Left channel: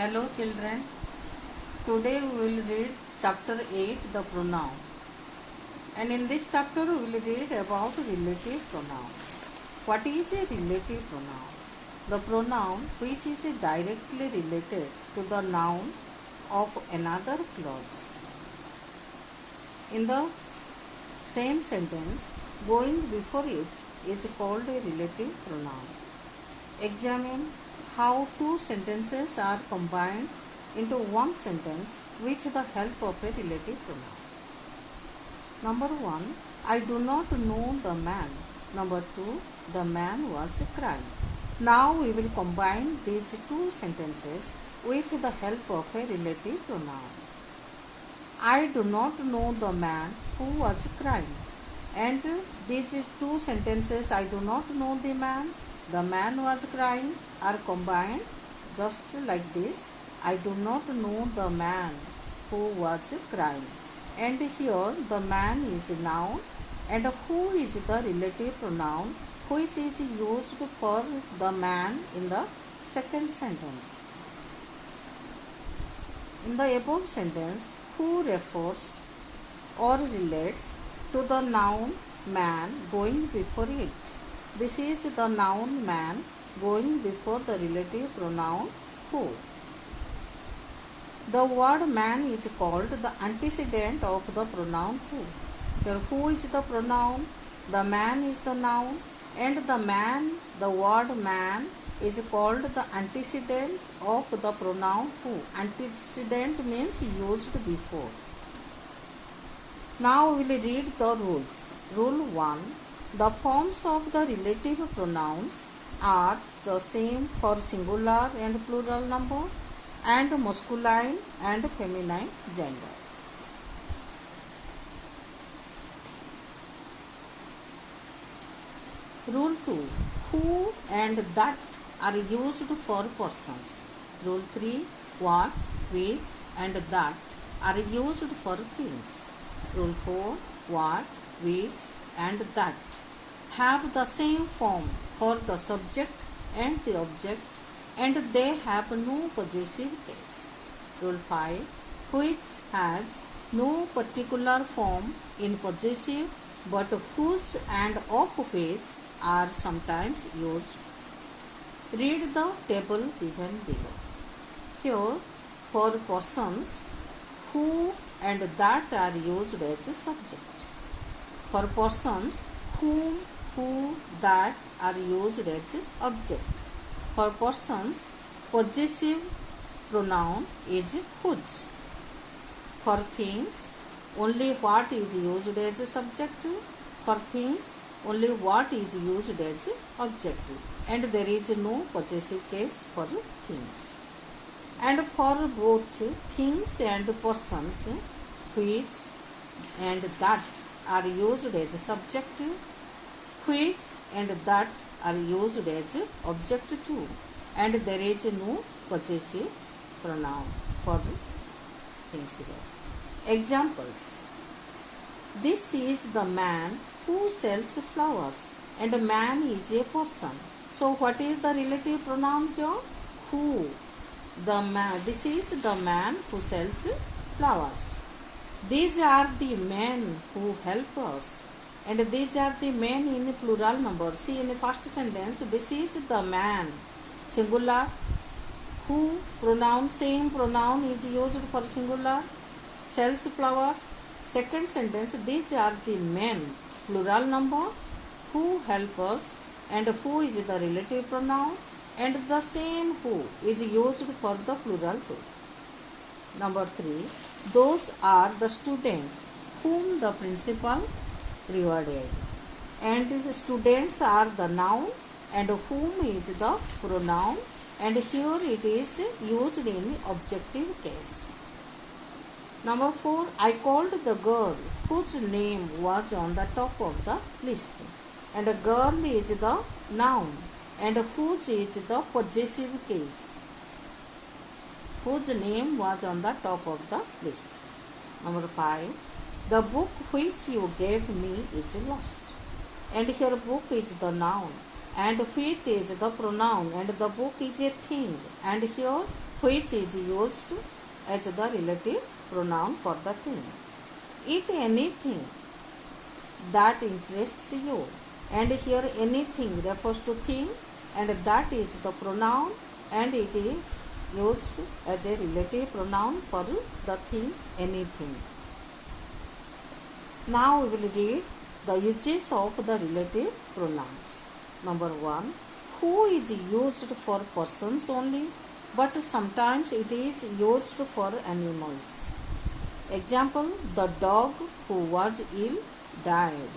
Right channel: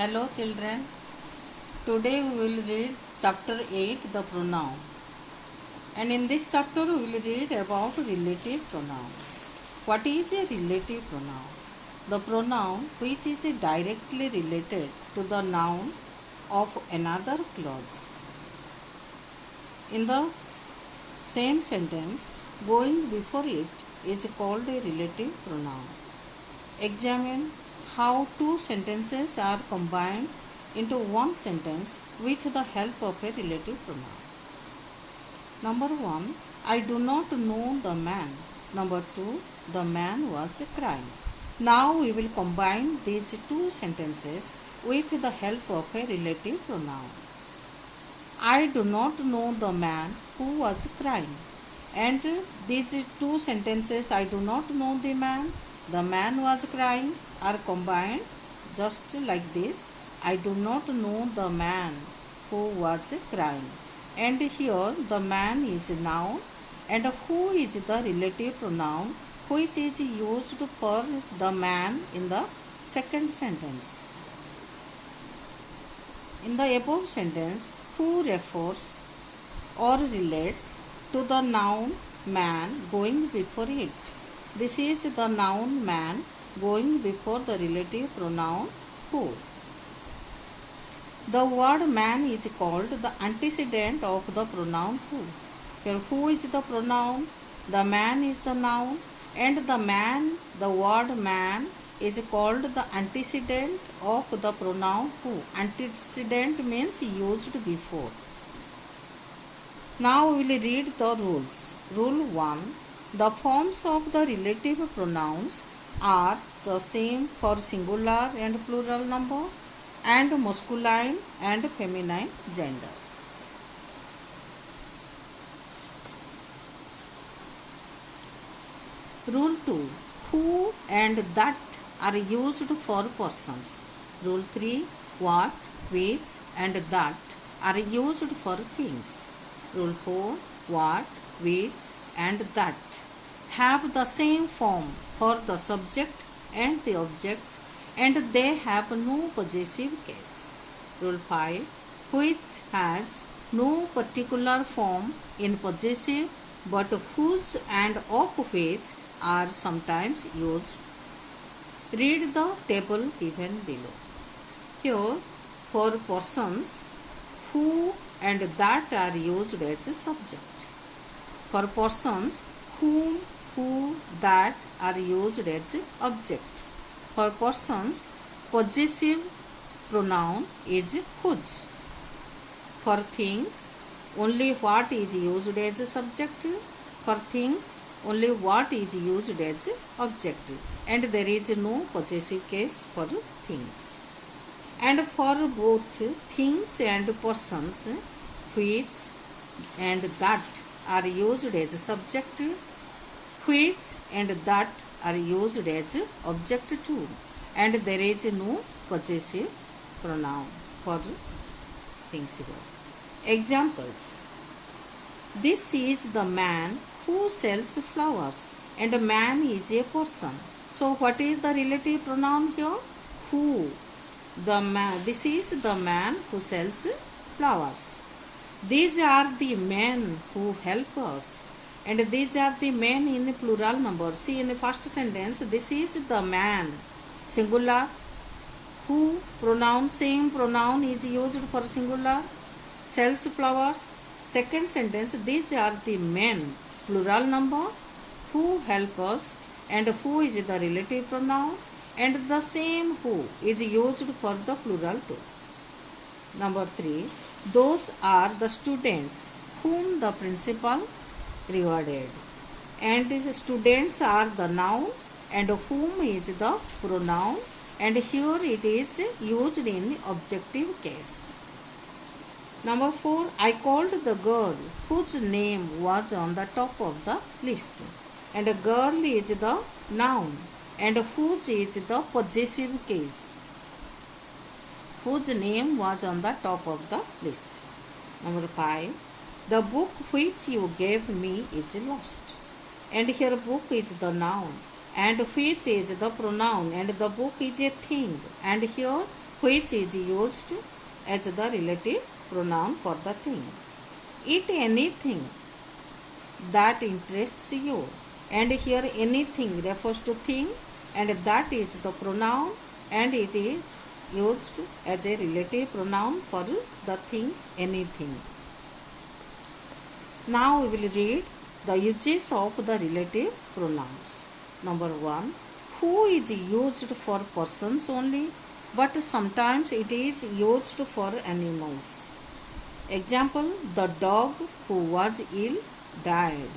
Hello children, today we will read chapter 8 the pronoun, and in this chapter we will read about relative pronoun. What is a relative pronoun? The pronoun which is directly related to the noun of another clause. In the same sentence, going before it is called a relative pronoun. Examine how two sentences are combined into one sentence with the help of a relative pronoun. Number 1, I do not know the man. Number 2, the man was crying. Now we will combine these two sentences with the help of a relative pronoun. I do not know the man who was crying. And these two sentences, I do not know the man was crying, are combined just like this. I do not know the man who was crying. And here the man is noun and who is the relative pronoun which is used for the man in the second sentence. In the above sentence, who refers or relates to the noun man going before it. This is the noun man going before the relative pronoun who. The word man is called the antecedent of the pronoun who. Here who is the pronoun, the man is the noun, and the word man is called the antecedent of the pronoun who. Antecedent means used before. Now we will read the rules. Rule 1. The forms of the relative pronouns are the same for singular and plural number and masculine and feminine gender. Rule 2. Who and that are used for persons. Rule 3. What, which and that are used for things. Rule 4. What, which and that have the same form for the subject and the object, and they have no possessive case. Rule 5. Which has no particular form in possessive, but whose and of which are sometimes used. Read the table given below. Here, for persons, who and that are used as a subject. For persons, whom, who, that are used as object. For persons, possessive pronoun is whose. For things, only what is used as a subject. For things, only what is used as object. And there is no possessive case for things. And for both things and persons, which and that are used as subject, which and that are used as object too, and there is no possessive pronoun for things here. Examples. This is the man who sells flowers, and a man is a person. So what is the relative pronoun here? Who. The man. This is the man who sells flowers. These are the men who help us, and these are the men in plural number. See, in the first sentence, this is the man, singular. Who pronoun, same pronoun is used for singular, sells flowers. Second sentence, these are the men, plural number, who help us, and who is the relative pronoun, and the same who is used for the plural too. Number 3, those are the students whom the principal rewarded, and the students are the noun and whom is the pronoun, and here it is used in objective case. Number 4, I called the girl whose name was on the top of the list, and a girl is the noun and whose is the possessive case, whose name was on the top of the list. Number 5, the book which you gave me is lost, and here book is the noun and which is the pronoun, and the book is a thing, and here which is used as the relative pronoun for the thing. Eat anything that interests you, and here anything refers to thing, and that is the pronoun, and it is used as a relative pronoun for the thing anything. Now we will read the uses of the relative pronouns. Number 1. Who is used for persons only, but sometimes it is used for animals. Example, the dog who was ill died.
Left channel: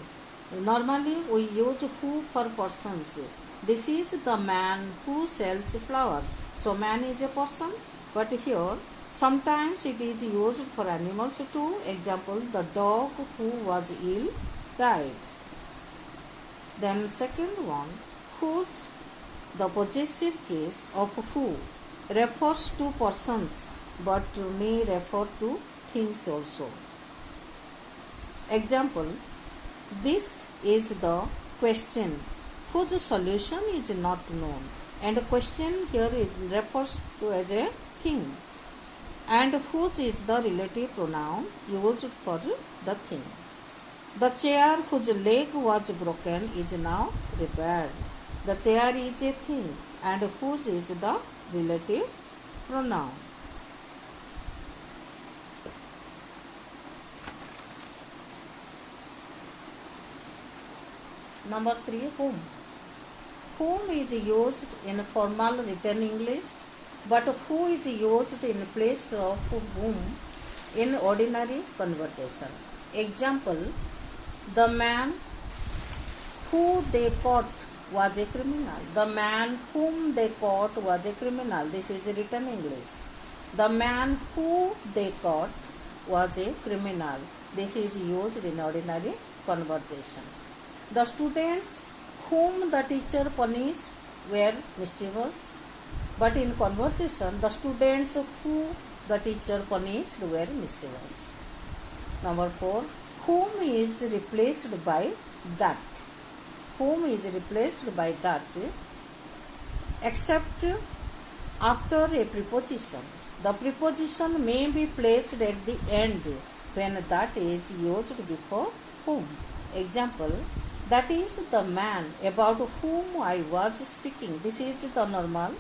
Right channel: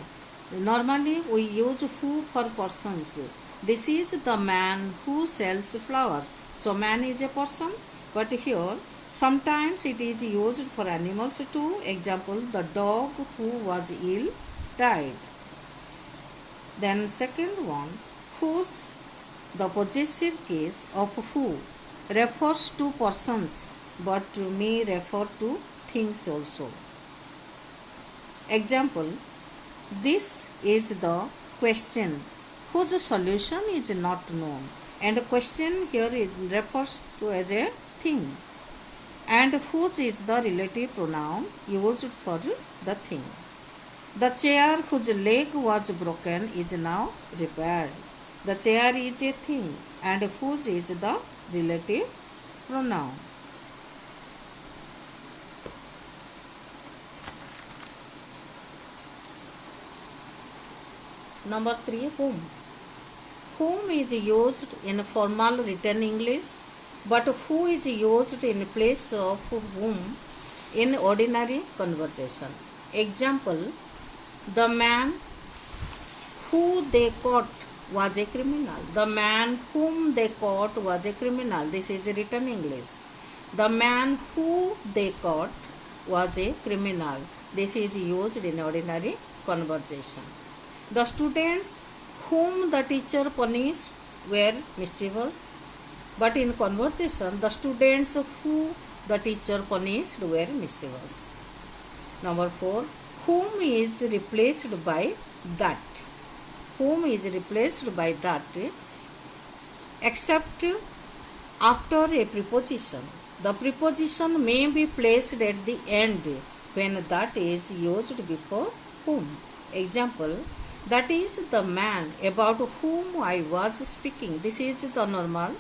Normally we use who for persons. This is the man who sells flowers. So man is a person, but here sometimes it is used for animals too. Example, the dog who was ill died. Then second one, whose, the possessive case of who refers to persons but may refer to things also. Example, this is the question whose solution is not known, and question here it refers to as a thing, and whose is the relative pronoun used for the thing. The chair whose leg was broken is now repaired. The chair is a thing, and whose is the relative pronoun. Number 3, whom. Whom is used in formal written English, but who is used in place of whom in ordinary conversation. Example, the man who they caught was a criminal. The man whom they caught was a criminal. This is written English. The man who they caught was a criminal. This is used in ordinary conversation. The students whom the teacher punished were mischievous, but in conversation the students who the teacher punished were mischievous. Number 4, whom is replaced by that. Whom is replaced by that except after a preposition. The preposition may be placed at the end when that is used before whom. Example, that is the man about whom I was speaking. This is the normal.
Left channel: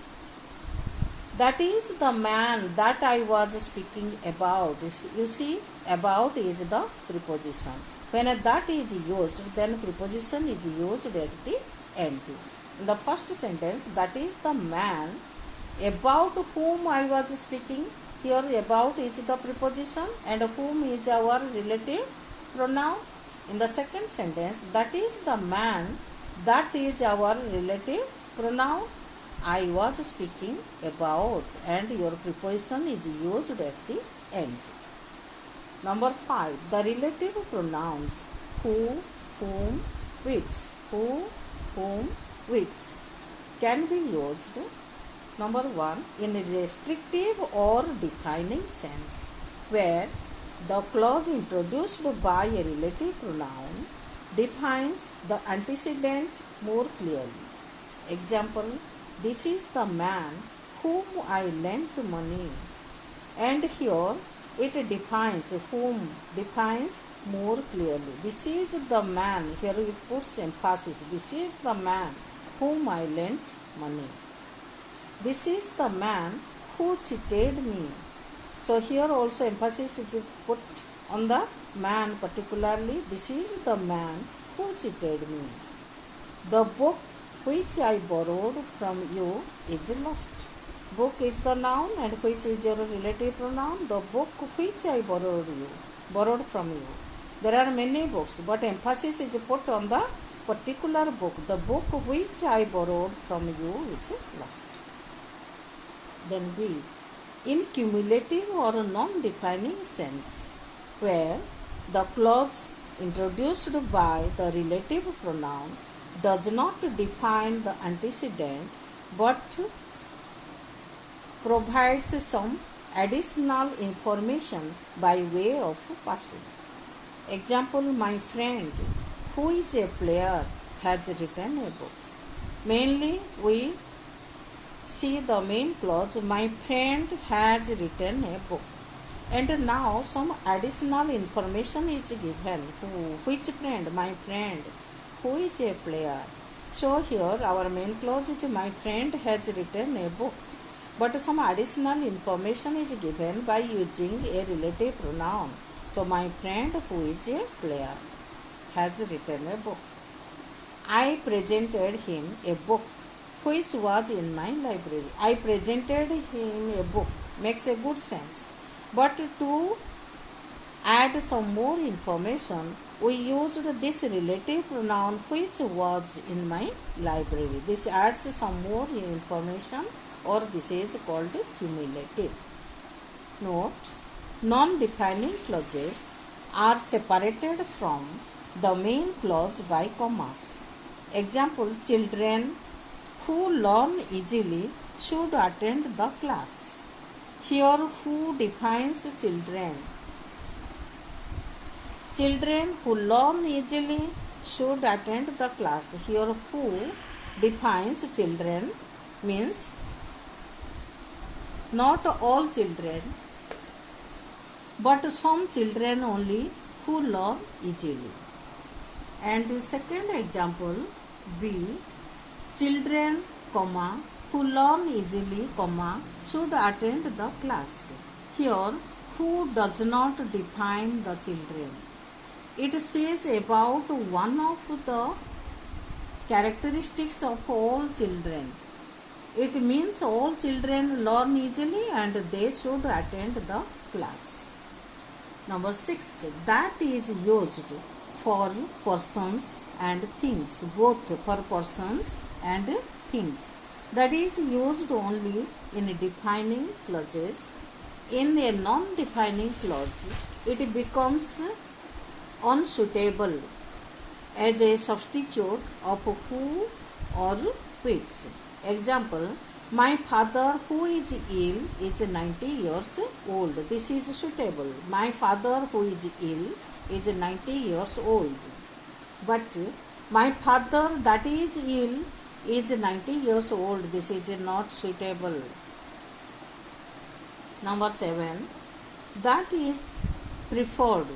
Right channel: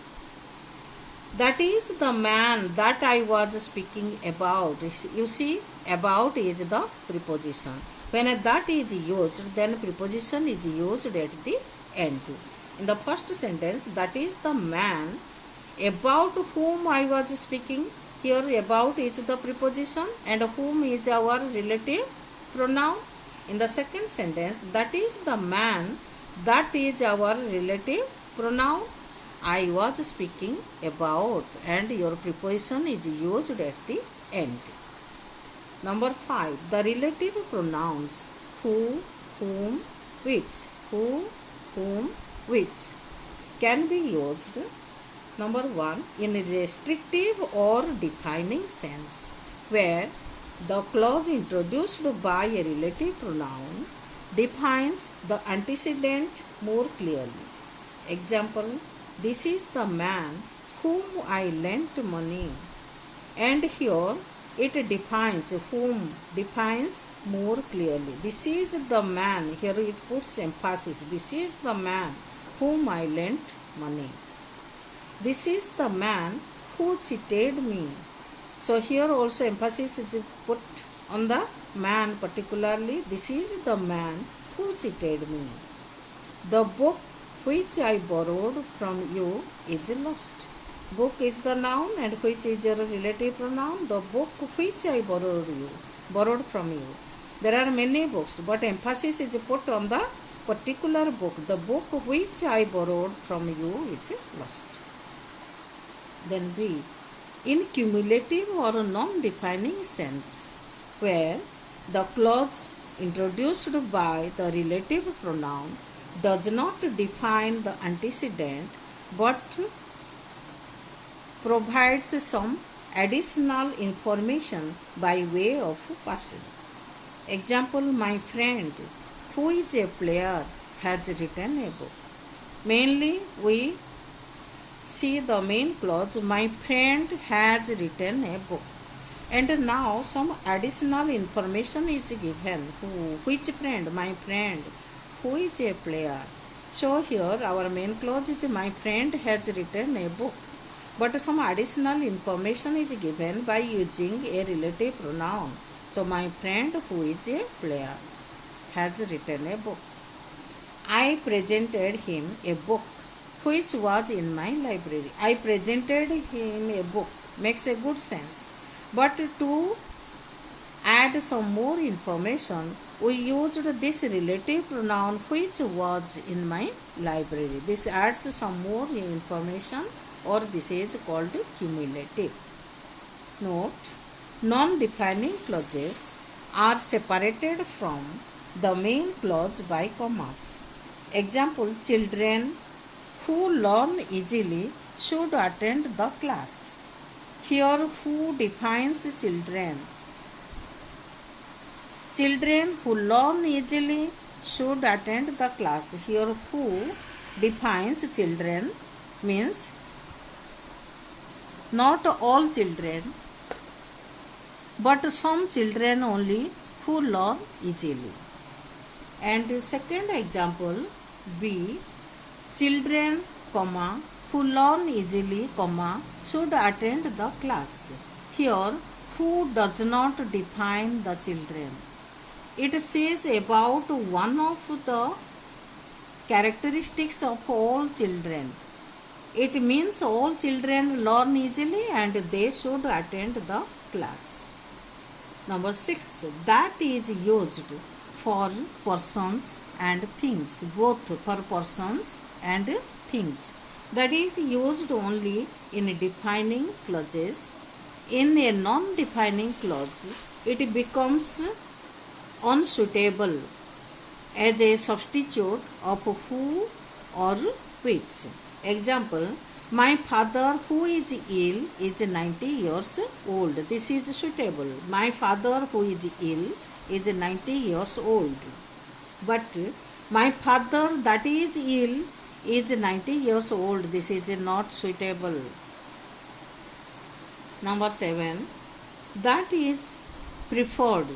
That is the man that I was speaking about. You see, about is the preposition. When that is used, then preposition is used at the end. In the first sentence, that is the man about whom I was speaking. Here about is the preposition and whom is our relative pronoun. In the second sentence, that is the man, that is our relative pronoun. I was speaking about, and your preposition is used at the end. Number 5, the relative pronouns who, whom, which. Who, whom, which can be used. Number 1, in a restrictive or defining sense, where the clause introduced by a relative pronoun defines the antecedent more clearly. Example, this is the man whom I lent money. And here it defines whom, defines more clearly. This is the man, here it puts emphasis. This is the man whom I lent money. This is the man who cheated me. So here also emphasis is put on the man particularly. This is the man who cheated me. The book which I borrowed from you is lost. Book is the noun and which is your relative pronoun. The book which I borrowed from you. There are many books, but emphasis is put on the particular book. The book which I borrowed from you is lost. Then B, in cumulative or non-defining sense, where the clause introduced by the relative pronoun does not define the antecedent but provides some additional information by way of passing. Example, my friend who is a player has written a book. Mainly we See the main clause, my friend has written a book. And now some additional information is given. Which friend? My friend. Who is a player? So here our main clause is my friend has written a book. But some additional information is given by using a relative pronoun. So my friend who is a player has written a book. I presented him a book which was in my library. I presented him a book makes a good sense. But to add some more information, we used this relative pronoun which was in my library. This adds some more information, or this is called cumulative. Note, non-defining clauses are separated from the main clause by commas. Example, children who learn easily should attend the class. Here, who defines children? Children who learn easily should attend the class. Here, who defines children means not all children, but some children only who learn easily. And the second example, B, children, comma, who learn easily, comma, should attend the class. Here, who does not define the children. It says about one of the characteristics of all children. It means all children learn easily and they should attend the class. Number 6, that is used for persons and things, both for persons and things. That is used only in defining clauses. In a non-defining clause, it becomes unsuitable as a substitute of who or which. Example, my father who is ill is 90 years old. This is suitable. My father who is ill is 90 years old. But my father that is ill is 90 years old. This is not suitable. Number 7, that is preferred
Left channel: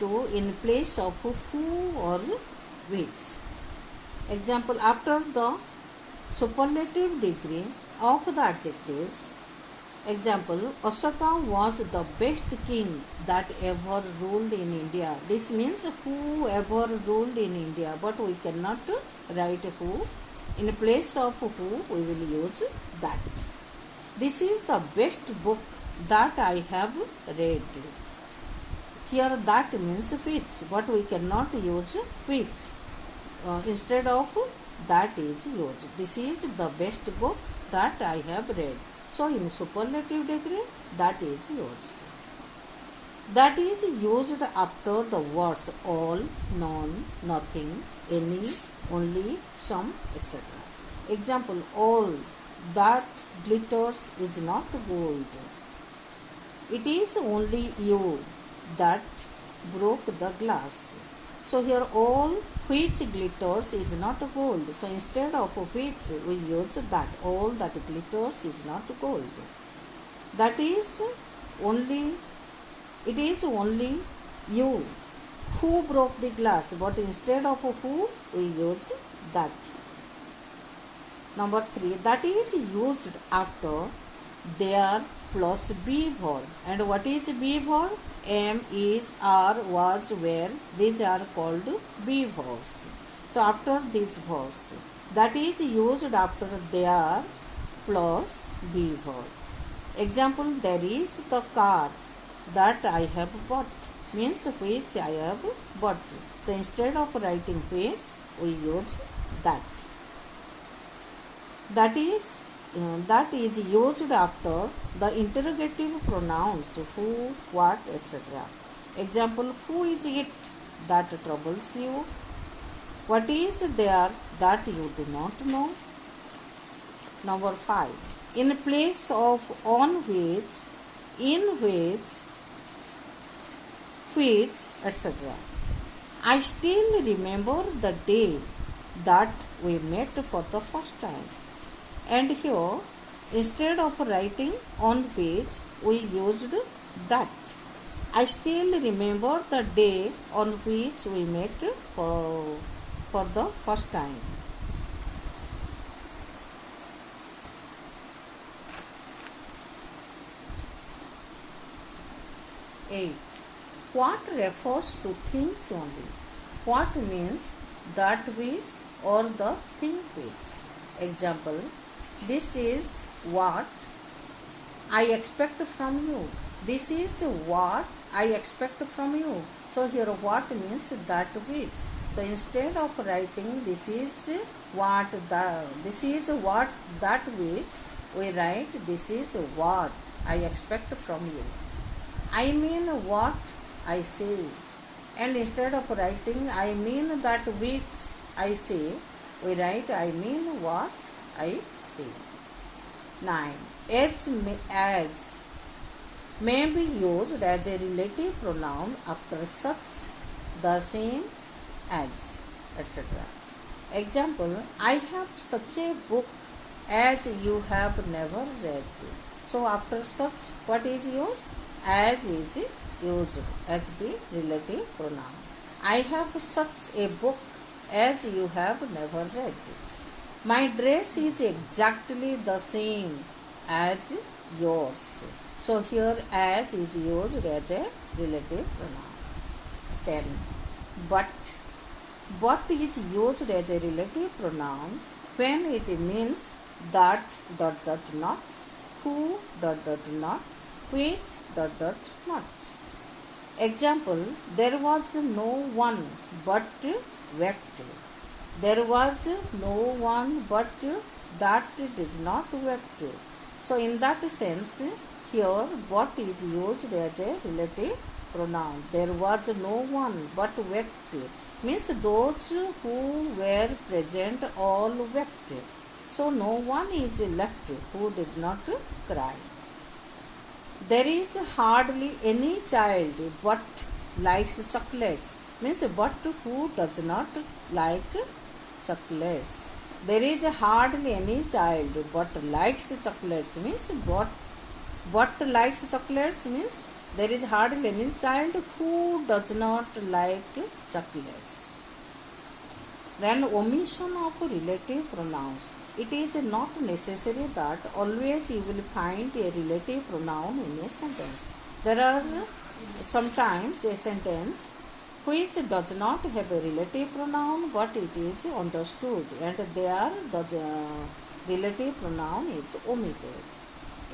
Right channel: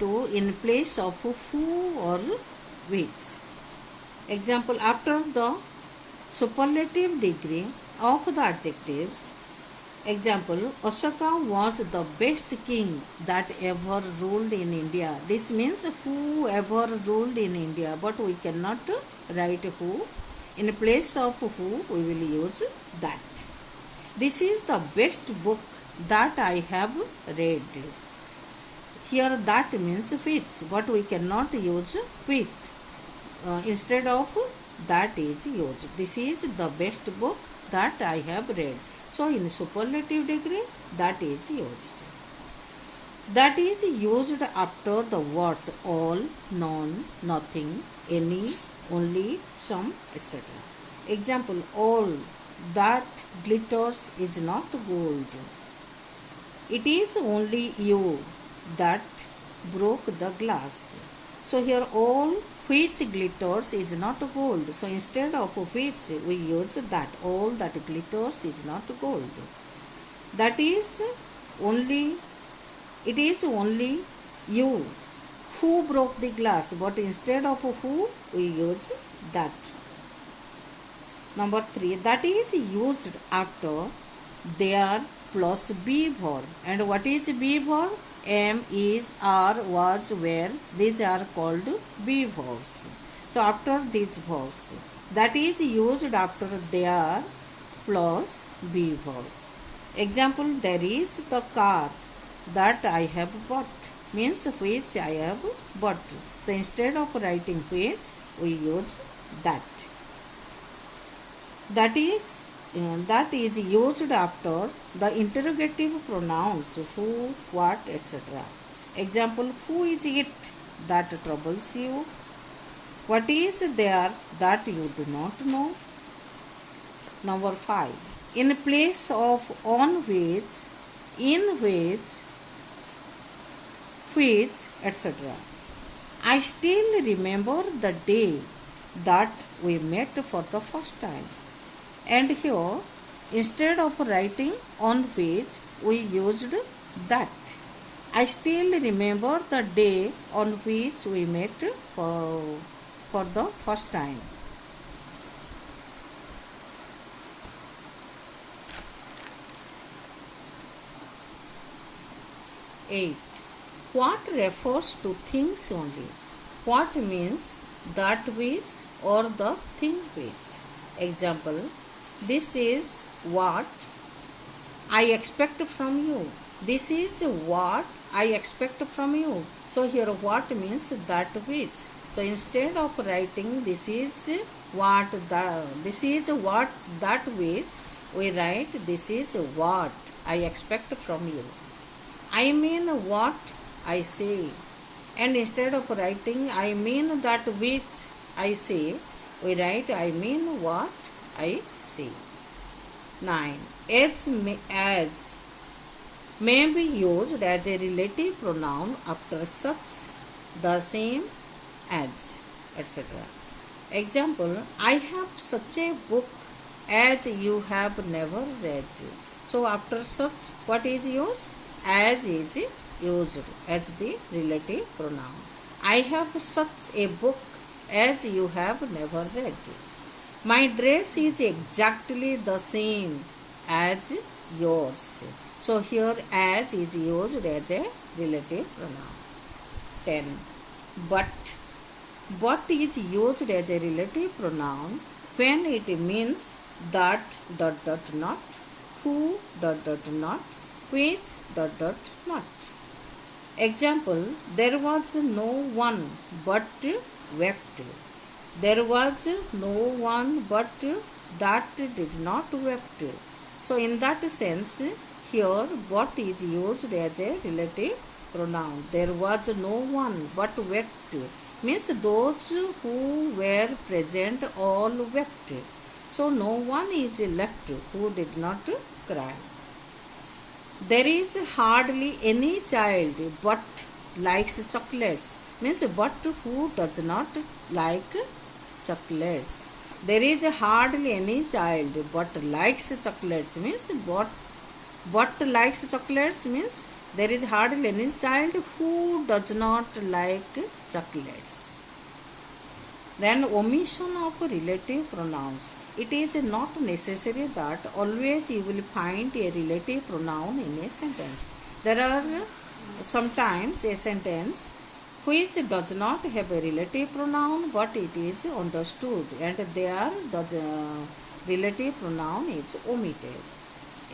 to in place of who or which. Example, after the superlative degree of the adjectives. Example, Ashoka was the best king that ever ruled in India. This means whoever ruled in India, but we cannot write who. In place of who, we will use that. This is the best book that I have read. Here that means which, but we cannot use which. Instead of that is used. This is the best book that I have read. So in superlative degree, that is used. That is used after the words all, none, nothing, any, only, some, etc. Example, all that glitters is not gold. It is only you that broke the glass. So here all which glitters is not gold. So instead of which we use that. All that glitters is not gold. That is only, it is only you who broke the glass. But instead of who we use that. Number 3, that is used after there plus be verb. And what is be verb? Am, is, are, was, were. These are called be verbs. So after these verbs, that is used after there plus be verb. Example, there is the car that I have bought. Means which I have bought. So instead of writing which, we use that. That is used after the interrogative pronouns who, what, etc. Example, who is it that troubles you? What is there that you do not know? Number 5, in place of on which, in which, etc. I still remember the day that we met for the first time. And here, instead of writing on which, we used that. I still remember the day on which we met for the first time. 8. What refers to things only? What means that which or the thing which? Example, this is what I expect from you. This is what I expect from you. So here what means that which. So instead of writing this is what that which, we write this is what I expect from you. I mean what I say. And instead of writing I mean that which I say, we write I mean what I say. 9. As may be used as a relative pronoun after such, the same as, etc. Example, I have such a book as you have never read. So after such, what is used? As is used as the relative pronoun. I have such a book as you have never read. My dress is exactly the same as yours. So here as is used as a relative pronoun. 10. But is used as a relative pronoun when it means that ... not, who ... not, which ... not. Example, there was no one but wept. There was no one but that did not wept. So in that sense, here what is used as a relative pronoun. There was no one but wept means those who were present all wept. So no one is left who did not cry. There is hardly any child but likes chocolates means but who does not like chocolates. There is hardly any child but likes chocolates means but likes chocolates means there is hardly any child who does not like chocolates. Then omission of relative pronouns. It is not necessary that always you will find a relative pronoun in a sentence. There are sometimes a sentence which does not have a relative pronoun but it is understood and there the relative pronoun is omitted.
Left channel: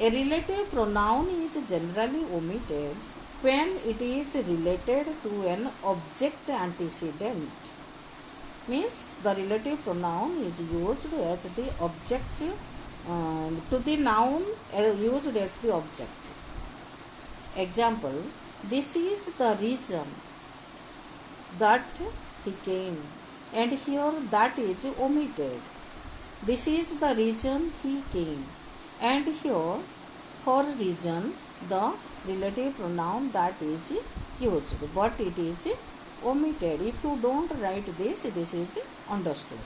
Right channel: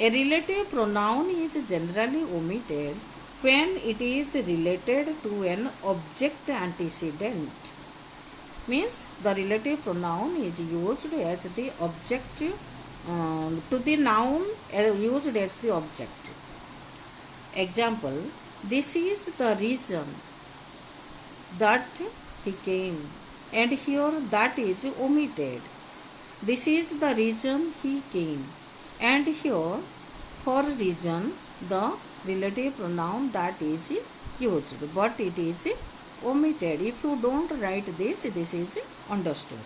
A relative pronoun is generally omitted when it is related to an object antecedent. Means the relative pronoun is used as the object to the noun used as the object. Example, this is the reason that he came, and here that is omitted. This is the reason he came, and here for reason the relative pronoun that is used but it is omitted. If you don't write this is understood.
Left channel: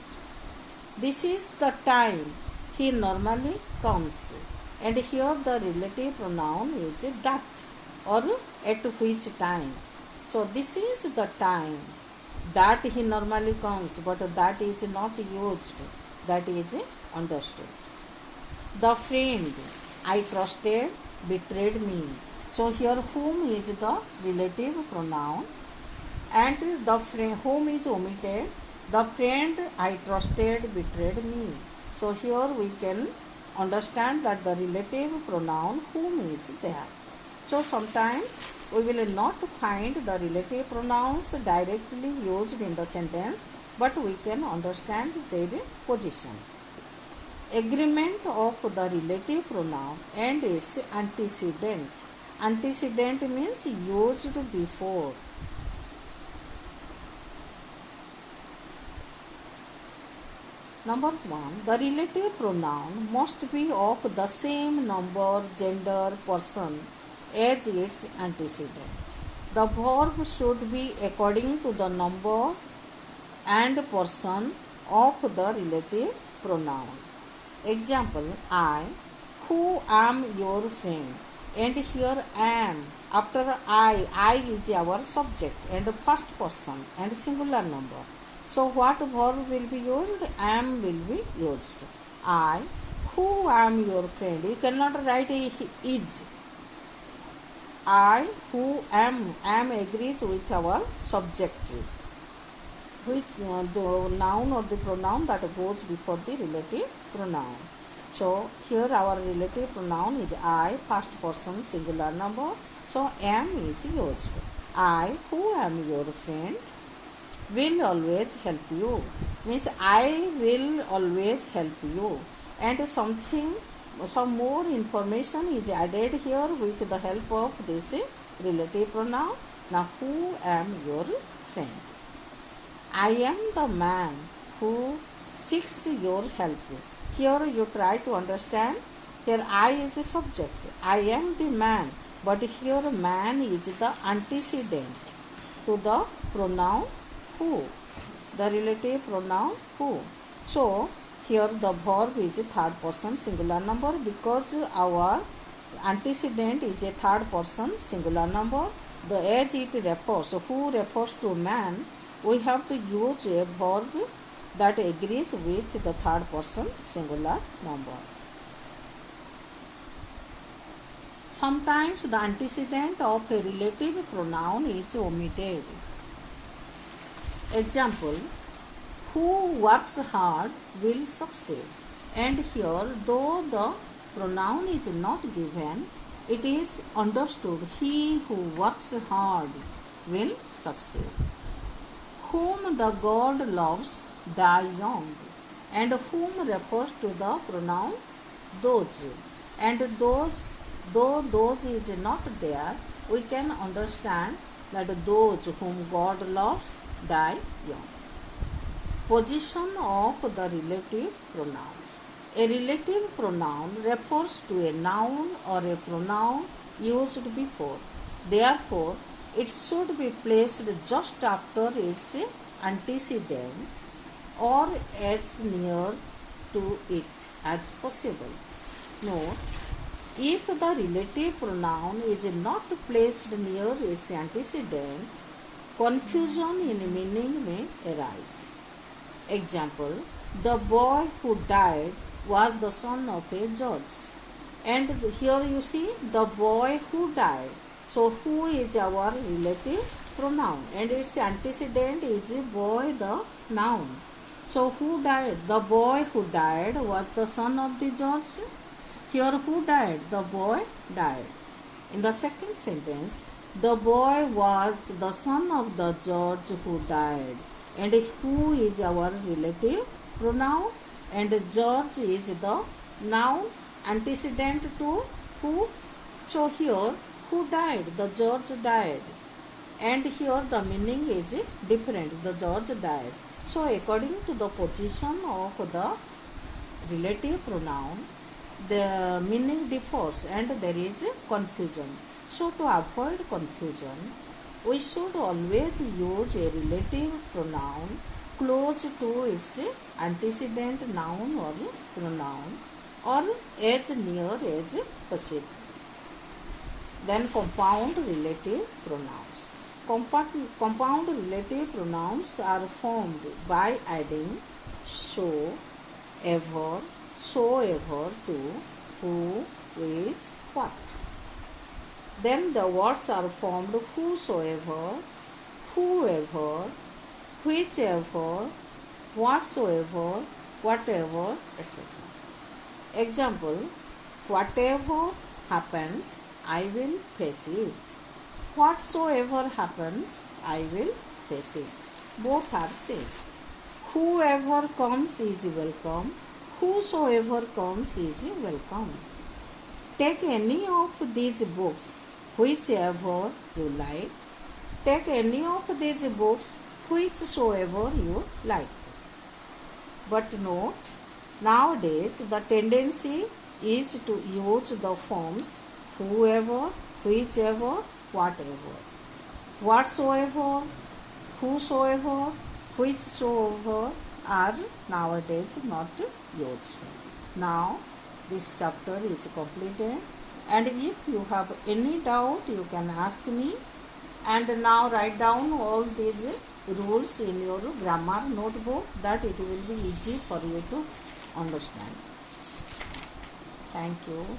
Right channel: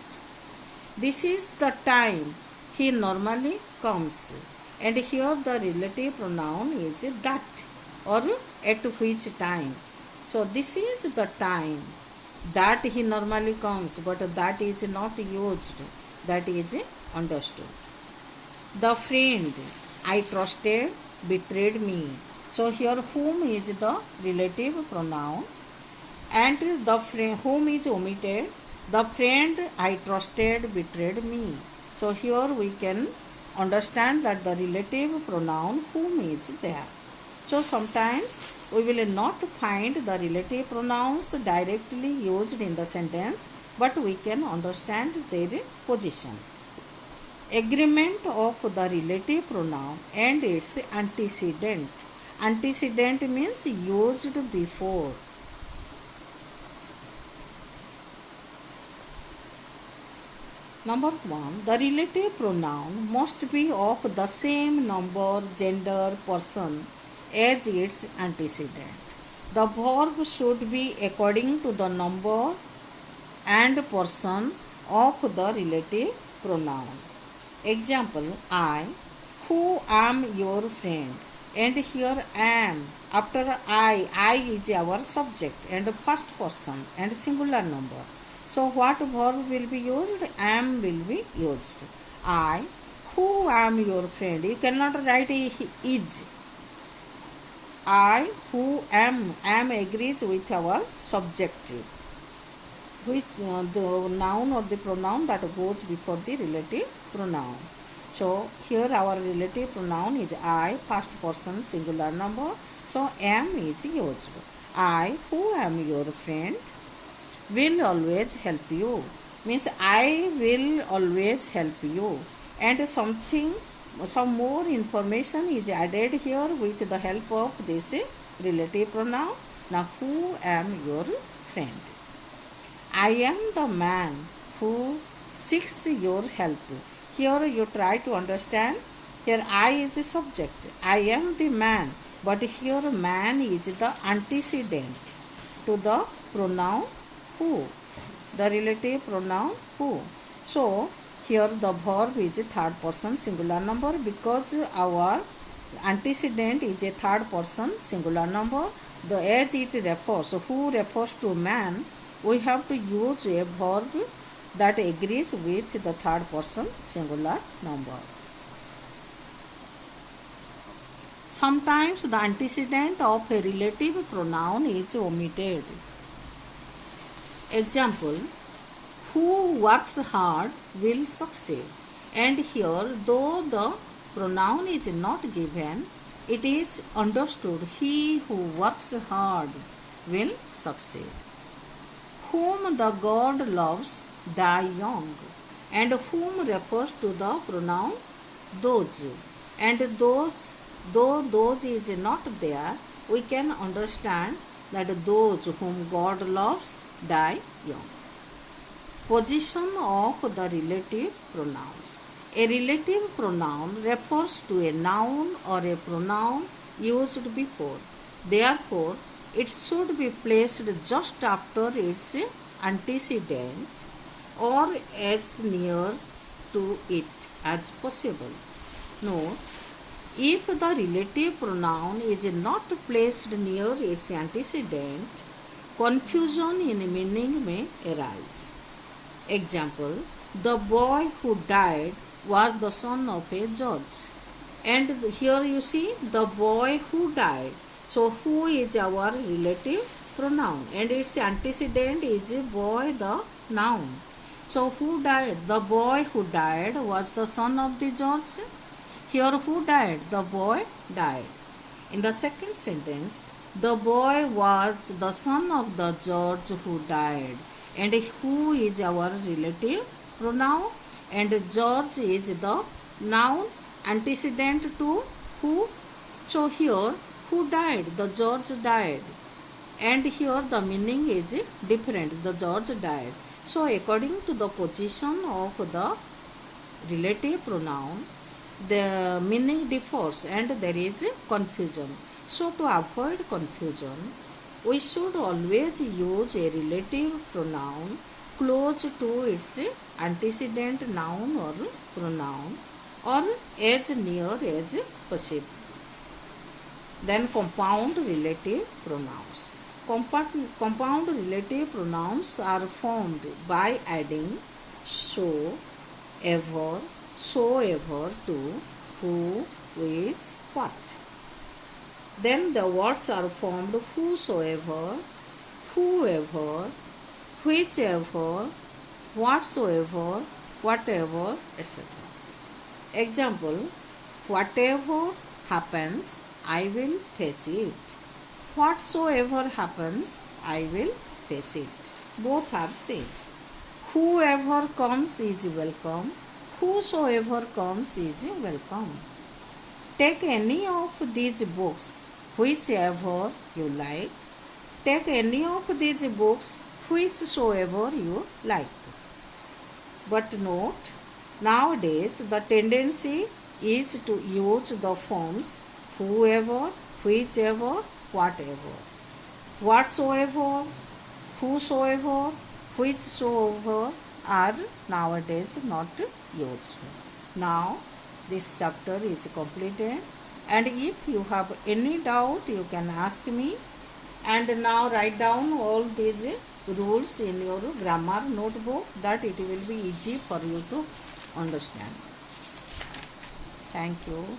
This is the time he normally comes, and here the relative pronoun is that or at which time. So this is the time that he normally comes but that is not used, that is understood. The friend I trusted betrayed me. So here whom is the relative pronoun and the friend whom is omitted. The friend I trusted betrayed me. So here we can understand that the relative pronoun whom is there. So sometimes we will not find the relative pronouns directly used in the sentence but we can understand their position. Agreement of the relative pronoun and its antecedent. Antecedent means used before. Number 1. The relative pronoun must be of the same number, gender, person as its antecedent. The verb should be according to the number and person of the relative pronoun. Example, I, who am your friend, and here am. After I is our subject and first person and singular number. So what verb will be used? Am will be used. I, who am your friend. You cannot write is. I, who am agrees with our subjective, which the noun or the pronoun that goes before the relative pronoun. So here our relative pronoun is I, first person singular number. So am is used. I, who am your friend, will always help you. Means I will always help you. And some more information is added here with the help of this relative pronoun. Now who am your friend? I am the man who seeks your help. Here you try to understand. Here I is a subject. I am the man. But here man is the antecedent to the pronoun who. The relative pronoun who. So here the verb is a third person singular number because our antecedent is a third person singular number. The as it refers, who refers to man, we have to use a verb that agrees with the third person singular number. Sometimes the antecedent of a relative pronoun is omitted. Example, who works hard will succeed. And here, though the pronoun is not given, it is understood he who works hard will succeed. Whom the God loves die young, and whom refers to the pronoun those. And those, though those is not there, we can understand that those whom God loves die young. Position of the relative pronouns. A relative pronoun refers to a noun or a pronoun used before. Therefore, it should be placed just after its antecedent or as near to it as possible. Note, if the relative pronoun is not placed near its antecedent, confusion in meaning may arise. Example, the boy who died was the son of a judge. And here you see the boy who died. So who is our relative pronoun and its antecedent is boy, the noun. So who died? The boy who died was the son of the judge. Here who died? The boy died. In the second sentence, the boy was the son of the judge who died. And who is our relative pronoun? And judge is the noun antecedent to who. So here who died? The judge died. And here the meaning is different. The judge died. So according to the position of the relative pronoun, the meaning differs and there is confusion. So to avoid confusion, we should always use a relative pronoun close to its antecedent noun or pronoun or as near as possible. Then compound relative pronouns. Compound relative pronouns are formed by adding so, ever, soever to who, which, what. Then the words are formed whosoever, whoever, whichever, whatsoever, whatever, etc. Example, whatever happens, I will face it. Whatsoever happens, I will face it. Both are same. Whoever comes is welcome. Whosoever comes is welcome. Take any of these books, whichever you like. Take any of these books, whichsoever you like. But note, nowadays the tendency is to use the forms whoever, whichever, whatever. Whatsoever, whosoever, whichsoever are nowadays not used. Now this chapter is completed, and if you have any doubt you can ask me. And now write down all these rules in your grammar notebook, that it will be easy for you to understand. Thank you.